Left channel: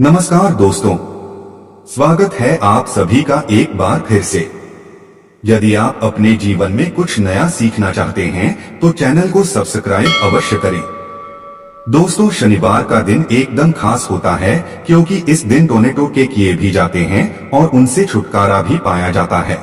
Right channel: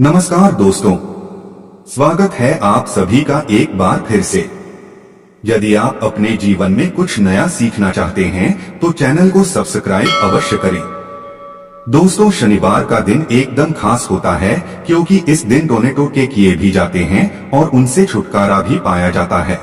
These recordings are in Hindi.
नमस्कार दोस्तों, स्वागत है आप सभी का एक बार फिर से। यदि आप अपने जीवन में कुछ नया सीखना चाहते हैं तो चैनल को सब्सक्राइब अवश्य करें। दोस्तों, शनिवार का दिन एकदम खास होता है क्योंकि इस दिन टोने टोटके किए भी जाते हैं और उनसे छुटकारा भी पाया जाता है।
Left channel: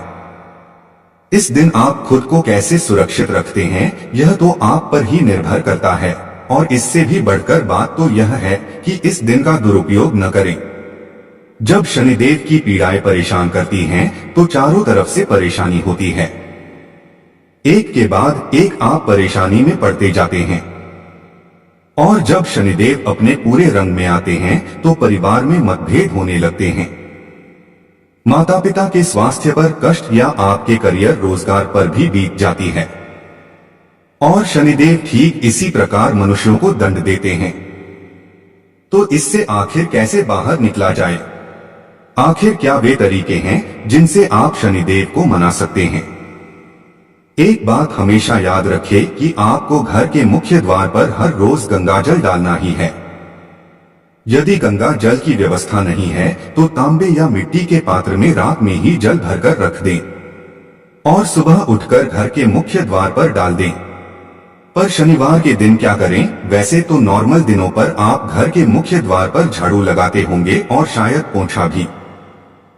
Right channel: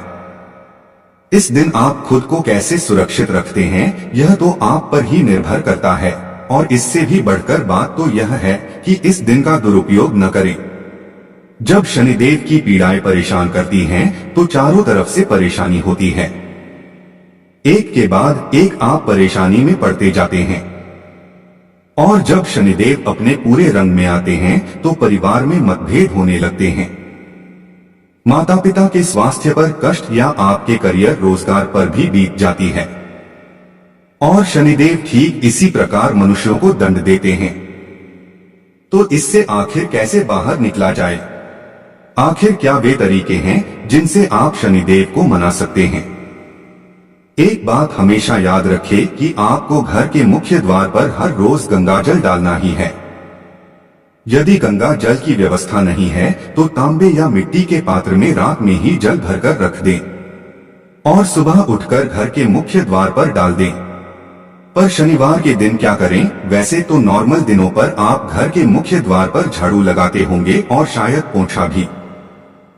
इस दिन आप खुद को कैसे सुरक्षित रखते हैं यह तो आप पर ही निर्भर करता है, और इससे भी बढ़कर बात तो यह है कि इस दिन का दुरुपयोग न करें। जब शनिदेव की पीड़ाएं परेशान करती हैं तो चारों तरफ से परेशानी होती है। एक के बाद एक आप परेशानी में पड़ते जाते हैं, और जब शनिदेव अपने पूरे रंग में आते हैं तो परिवार में मतभेद होने लगते हैं। माता पिता के स्वास्थ्य पर कष्ट या आपके करियर रोजगार पर भी बीत जाती है। और शनिदेव ठीक इसी प्रकार मनुष्यों को दंड देते हैं। तो इससे आखिर कैसे बाहर निकला जाए? आखिर क्या वे तरीके हैं जिनसे आप शनिदेव को मना सकते हैं? एक बात हमेशा याद रखें कि आपको घर के मुख्य द्वार पर हर रोज गंगा जल डालना ही है। यदि गंगा जल की व्यवस्था नहीं है तो तांबे या मिट्टी के पात्र में रात में ही जल भरकर रख दें और सुबह उठकर घर के मुख्य द्वार पर डाल दें। पर शनिवार के दिन क्या करें? वैसे तो नॉर्मल दिनों पर आप घर के मुख्य द्वार पर झाड़ू लगाते होंगे और शायद पोंछा भी,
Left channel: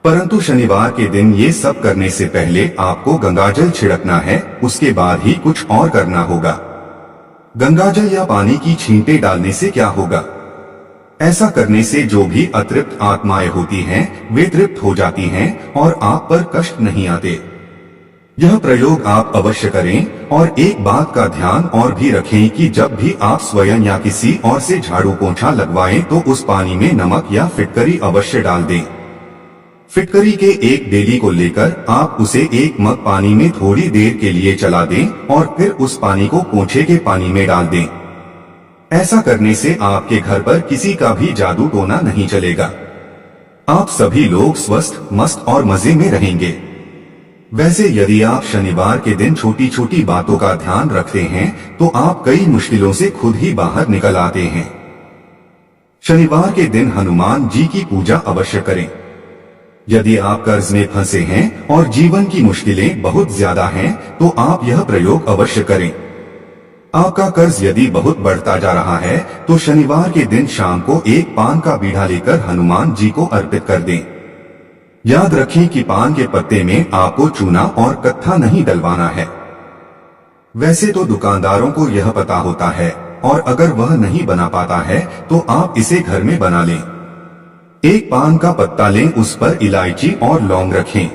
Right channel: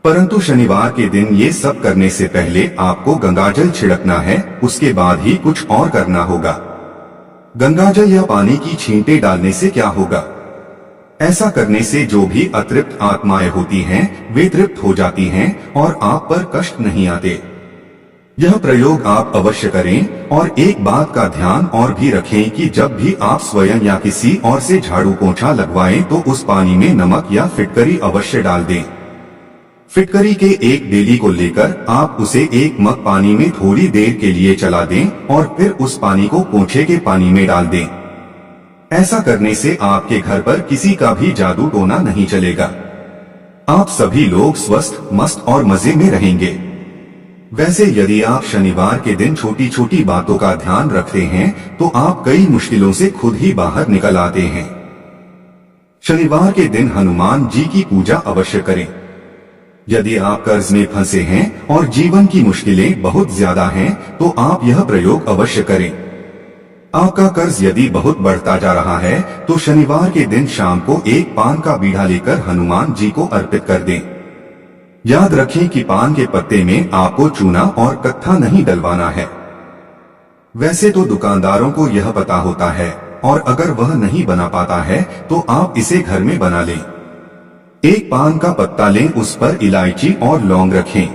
परंतु शनिवार के दिन ये सब करने से पहले आपको गंगाजल छिड़कना है, उसके बाद ही कुछ और करना होगा। गंगाजल या पानी की छींटे डालने से क्या होगा? ऐसा करने से जो भी अतृप्त आत्माएं होती हैं वे तृप्त हो जाती हैं और आप पर कष्ट नहीं आते। यह प्रयोग आप अवश्य करें। और एक बात का ध्यान और भी रखें कि जब भी आप स्वयं या किसी और से झाड़ू पोंछा लगवाएं तो उस पानी में नमक या फिटकरी अवश्य डाल दें। फिटकरी के एक डेली को लेकर आप उसे एक मग पानी में थोड़ी देर के लिए चला दें और फिर उस पानी को पोंछे के पानी में डाल दें। ऐसा करने से आपके घर पर किसी का भी जादू टोना नहीं चलेगा। आप सभी लोग स्वस्थ, मस्त और मजे में रहेंगे। वैसे यदि आप शनिवार के दिन छोटी छोटी बातों का ध्यान रखते हैं तो आप कई मुश्किलों से खुद ही बाहर निकल आते हैं। शनिवार के दिन हनुमान जी की पूजा अवश्य करें। यदि आप कर्ज में फंसे हैं और जीवन की मुश्किलें बहुत ज्यादा हैं तो आप यह प्रयोग अवश्य करें। आपका कर्ज यदि बहुत बढ़ता जा रहा है तो शनिवार के दिन शाम को एक पान का बीड़ा लेकर हनुमान जी को अर्पित कर दें। याद रखें कि पान के पत्ते में आपको चूना और कत्था नहीं डलवाना है। वैसे तो दुकानदारों को यह पता होता है, और अगर वह नहीं बना पाता है तो आप इसे घर में बना लें। एक पान का पत्ता लें, उस पर इलायची और लौंग रखें,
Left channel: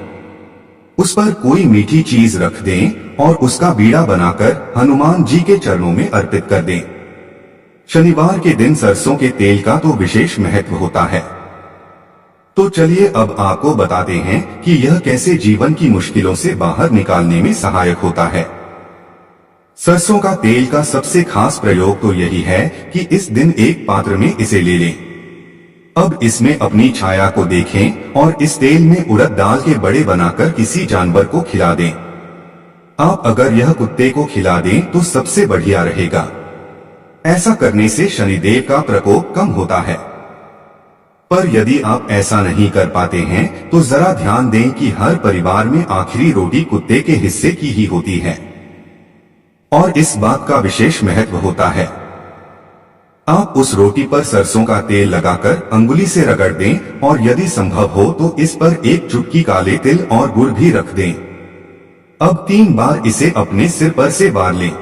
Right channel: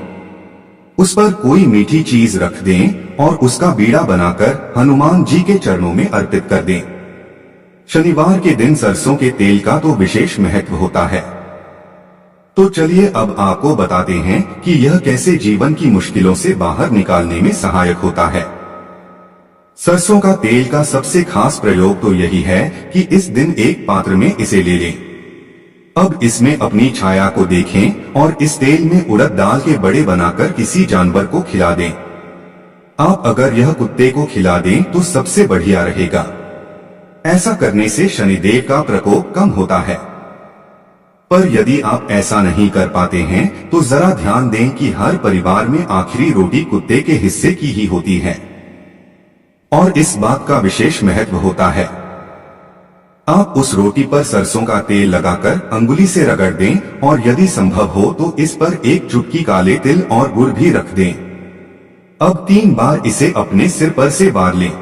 उस पर कोई मीठी चीज रख दें और उसका बीड़ा बनाकर हनुमान जी के चरणों में अर्पित कर दें। शनिवार के दिन सरसों के तेल का तो विशेष महत्व होता है। तो चलिए अब आपको बताते हैं कि यह कैसे जीवन की मुश्किलों से बाहर निकालने में सहायक होता है। सरसों का तेल का सबसे खास प्रयोग तो यही है कि इस दिन एक पात्र में इसे ले लें। अब इसमें अपनी छाया को देखें और इस तेल में उड़द दाल के बड़े बनाकर किसी जानवर को खिला दें। आप अगर यह कुत्ते को खिला दें तो सबसे बढ़िया रहेगा। ऐसा करने से शनिदेव का प्रकोप कम होता है। पर यदि आप ऐसा नहीं कर पाते हैं तो जरा ध्यान दें कि हर परिवार में आखिरी रोटी कुत्ते के हिस्से की ही होती है, और इस बात का विशेष महत्व होता है। आप उस रोटी पर सरसों का तेल लगाकर अंगुली से रगड़ दें और यदि संभव हो तो इस पर एक चुटकी काले तिल और गुड़ भी रख दें। अब 3 बार इसे अपने सिर पर से वार लें।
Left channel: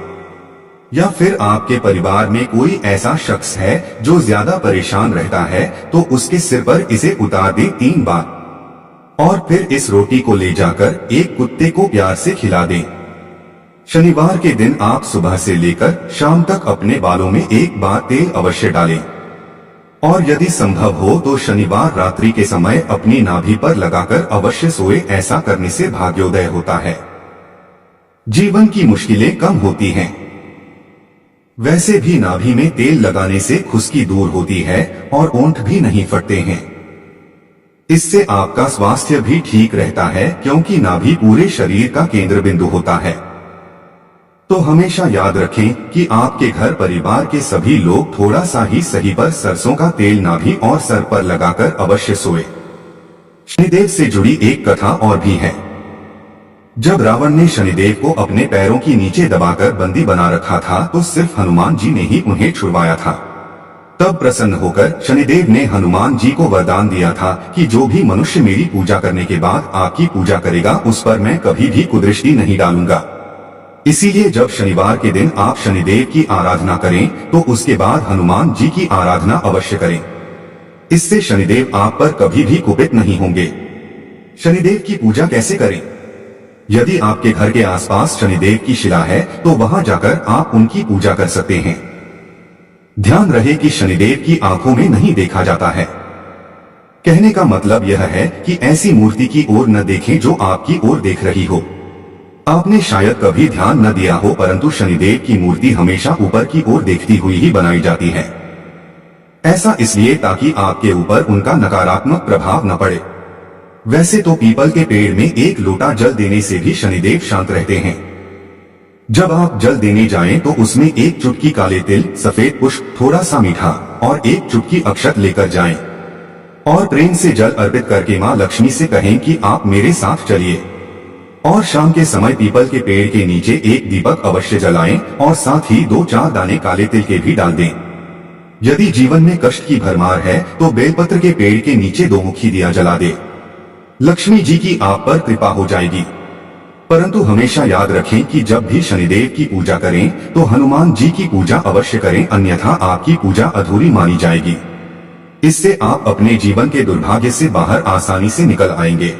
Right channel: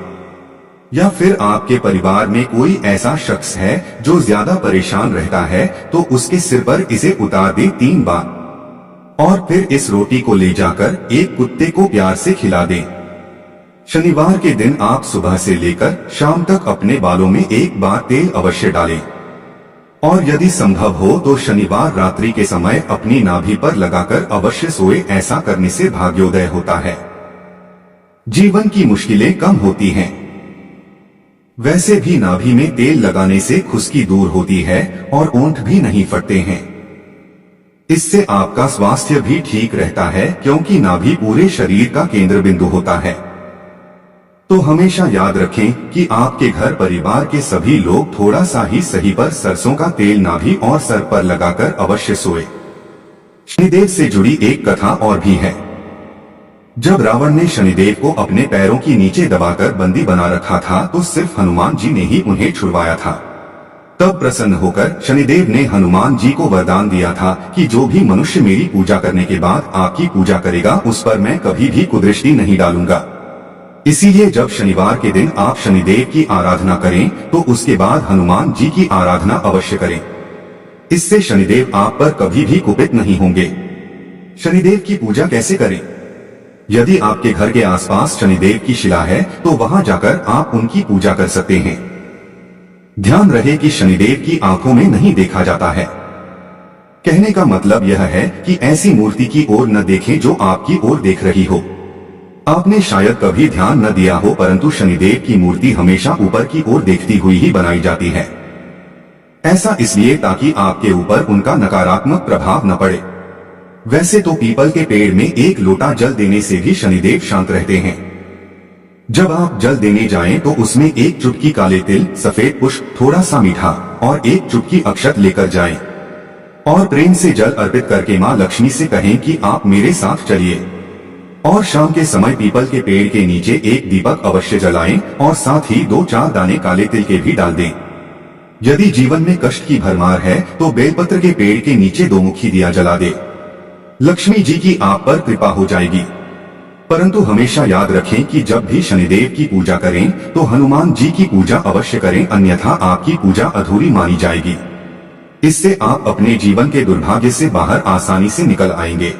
या फिर आपके परिवार में कोई ऐसा शख्स है जो ज्यादा परेशान रहता है तो उसके सिर पर इसे उतार दें 3 बार, और फिर इस रोटी को ले जाकर एक कुत्ते को प्यार से खिला दें। शनिवार के दिन आप सुबह से लेकर शाम तक अपने बालों में 1 बार तेल अवश्य डालें, और यदि संभव हो तो शनिवार रात्रि के समय अपनी नाभि पर लगाकर अवश्य सोए। ऐसा करने से भाग्योदय होता है, जीवन की मुश्किलें कम होती हैं। वैसे भी नाभि में तेल लगाने से खुश्की दूर होती है और ओंठ भी नहीं फटते हैं। इससे आपका स्वास्थ्य भी ठीक रहता है क्योंकि नाभि पूरे शरीर का केंद्र बिंदु होता है। तो हमेशा याद रखें कि आपके घर परिवार के सभी लोग थोड़ा सा ही सही पर सरसों का तेल नाभि और सर पर लगाकर अवश्य सोए। शनिदेव से जुड़ी एक कथा और भी है। जब रावण ने शनिदेव को अपने पैरों की नीचे दबाकर बंदी बना रखा था तो सिर्फ हनुमान जी ने ही उन्हें छुड़वाया था। तब प्रसन्न होकर शनिदेव ने हनुमान जी को वरदान दिया था कि जो भी मनुष्य मेरी पूजा करने के बाद आपकी पूजा करेगा उस पर मैं कभी भी कुदृष्टि नहीं डालूंगा। इसीलिए जब शनिवार के दिन आप शनिदेव की आराधना करें तो उसके बाद हनुमान जी की आराधना अवश्य करें। इससे शनिदेव आप पर कभी भी कुपित नहीं होंगे। शनिदेव की पूजा कैसे करें? यदि आपके घर के आसपास शनिदेव की शिला है तो वहां जाकर आप उनकी पूजा कर सकते हैं। ध्यान रहे कि शनिदेव की आंखों में नहीं देखा जाता है। कहने का मतलब यह है कि ऐसी मूर्ति की ओर न देखें जो आपकी ओर देख रही हो। आपने शायद कभी ध्यान न दिया हो परंतु शनिदेव की मूर्ति हमेशा ऊपर की ओर देखती हुई ही बनाई जाती है। ऐसा इसलिए ताकि आपके ऊपर उनका नकारात्मक प्रभाव न पड़े। वैसे तो पीपल के पेड़ में एक लोटा जल देने से भी शनिदेव शांत रहते हैं। जब आप जल देने जाएं तो उसमें एक चुटकी काले तिल, सफेद पुष्प, थोड़ा सा मीठा और एक चुटकी अक्षत लेकर जाएं और प्रेम से जल अर्पित करके मां लक्ष्मी से कहें कि आप मेरे साथ चलिए। और शाम के समय पीपल के पेड़ के नीचे एक दीपक अवश्य जलाएं और साथ ही 2-4 दाने काले तिल के भी डाल दें। यदि जीवन में कष्ट की भरमार है तो बेलपत्र के पेड़ के नीचे 2 मुखी दिया जला दे। लक्ष्मी जी की आप पर कृपा हो जाएगी। परंतु हमेशा याद रखें कि जब भी शनिदेव की पूजा करें तो हनुमान जी की पूजा अवश्य करें, अन्यथा आपकी पूजा अधूरी मानी जाएगी। इससे आप अपने जीवन के दुर्भाग्य से बाहर आसानी से निकल आएंगे।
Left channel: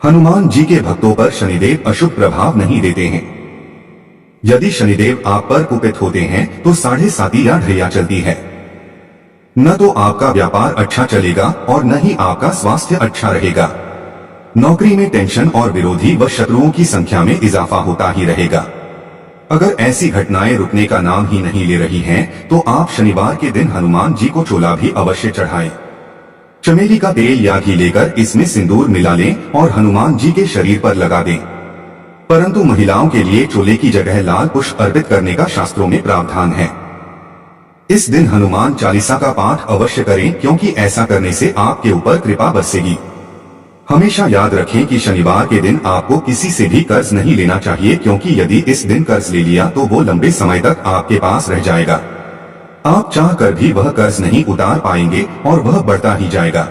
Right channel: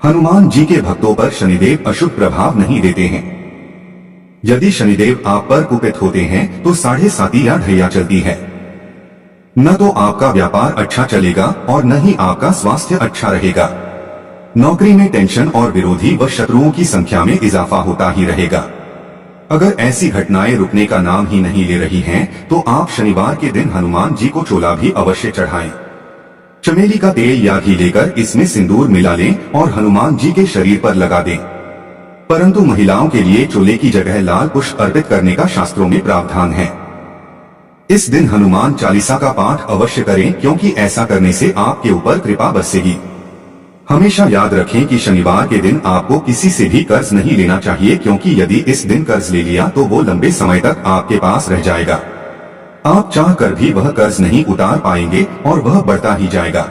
हनुमान जी के भक्तों पर शनिदेव अशुभ प्रभाव नहीं देते हैं। यदि शनिदेव आप पर कुपित होते हैं तो 7.5 या ढैया चलती है। न तो आपका व्यापार अच्छा चलेगा और न ही आपका स्वास्थ्य अच्छा रहेगा। नौकरी में टेंशन और विरोधी व शत्रुओं की संख्या में इजाफा होता ही रहेगा। अगर ऐसी घटनाएं रुकने का नाम ही नहीं ले रही हैं, तो आप शनिवार के दिन हनुमान जी को चोला भी अवश्य चढ़ाएं। चमेली का तेल या घी लेकर इसमें सिंदूर मिला लें और हनुमान जी के शरीर पर लगा दें। परंतु महिलाओं के लिए चोले की जगह लाल पुष्प अर्पित करने का शास्त्रों में प्रावधान है। इस दिन हनुमान चालीसा का पाठ अवश्य करें, क्योंकि ऐसा करने से आपके ऊपर कृपा बरसेगी। हमेशा याद रखें कि शनिवार के दिन आपको किसी से भी कर्ज नहीं लेना चाहिए, क्योंकि यदि इस दिन कर्ज ले लिया तो वो लंबे समय तक आपके पास रह जाएगा। आप चाह कर भी वह कर्ज नहीं उतार पाएंगे और वह बढ़ता ही जाएगा।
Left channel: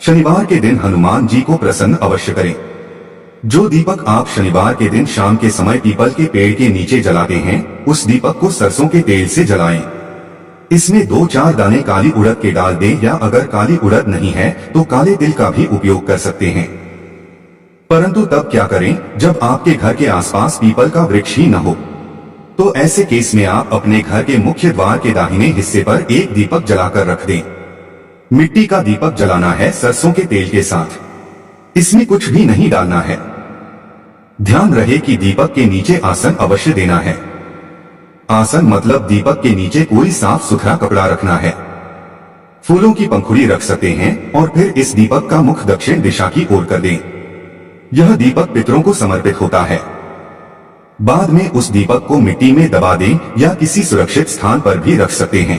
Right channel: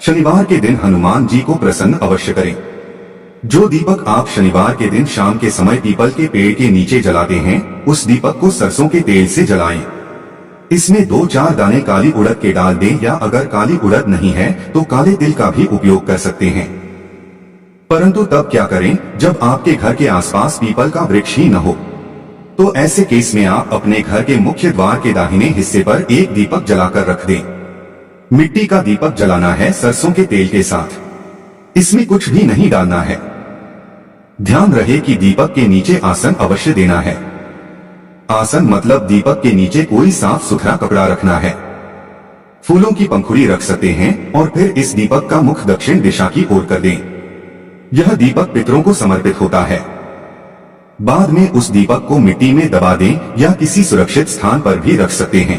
शनिवार के दिन हनुमान जी को प्रसन्न अवश्य करें। जो दीपक आप शनिवार के दिन शाम के समय पीपल के पेड़ के नीचे जलाते हैं, उस दीपक को सरसों के तेल से जलाएं। इसमें 2-4 दाने काली उड़द के डाल दें, या अगर काली उड़द नहीं है तो काले तिल का भी उपयोग कर सकते हैं। परंतु तब क्या करें जब आपके घर के आसपास पीपल का वृक्ष ही न हो। तो ऐसे केस में आप अपने घर के मुख्य द्वार के दाहिने हिस्से पर एक दीपक जलाकर रख दें। मिट्टी का दीपक जलाना है सरसों के तेल के साथ। इसमें कुछ भी नहीं डालना है। ध्यान रहे कि दीपक के नीचे आसन अवश्य देना है। आसन मतलब दीपक के नीचे कोई साफ सुथरा कपड़ा रखना है। फूलों की पंखुड़ी रख सकते हैं और फिर इस दीपक का मुख दक्षिण दिशा की ओर कर दें। यह दीपक पितरों को समर्पित होता है। बाद में उस दीपक को मिट्टी में दबा दें या किसी सुरक्षित स्थान पर भी रख सकते हैं।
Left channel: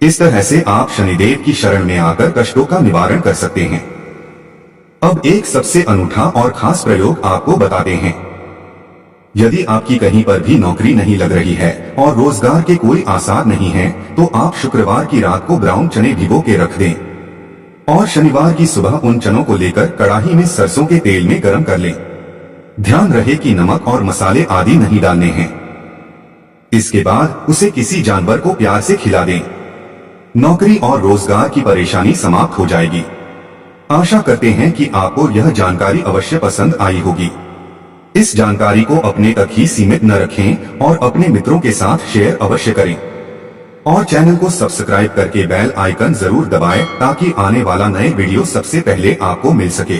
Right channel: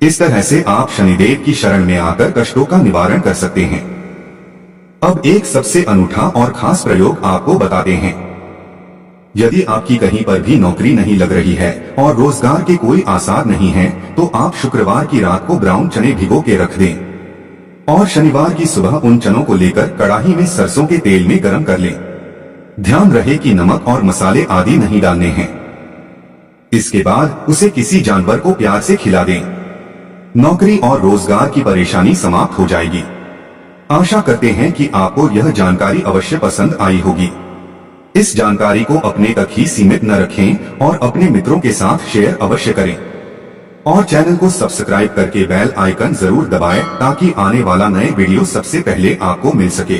इस तरह से आप शनिदेव की शरण में आकर कष्टों का निवारण कर सकते हैं। अब एक सबसे अनूठा और खास प्रयोग आपको बताते हैं। यदि आपकी कहीं पर भी नौकरी नहीं लग रही है और रोजगार के कोई आसार नहीं है, तो आप शुक्रवार की रात को ब्राउन चने भिगो के रख दें और शनिवार की सुबह उन चनों को लेकर कड़ाही में सरसों के तेल में गर्म कर लें। ध्यान रहे कि नमक और मसाले आदि नहीं डालने हैं। इसके बाद उसे किसी जानवर को प्यार से खिला दें। नौकरी और रोजगार की परेशानी समाप्त हो जाएगी। आशा करते हैं कि आपको यह जानकारी अवश्य पसंद आई होगी। इस जानकारी को अपने तक ही सीमित न रखें और अपने मित्रों के साथ शेयर अवश्य करें और चैनल को सब्सक्राइब करके बेल आइकन जरूर दबाएं, ताकि आने वाला नए वीडियो सबसे पहले आपको मिल सके।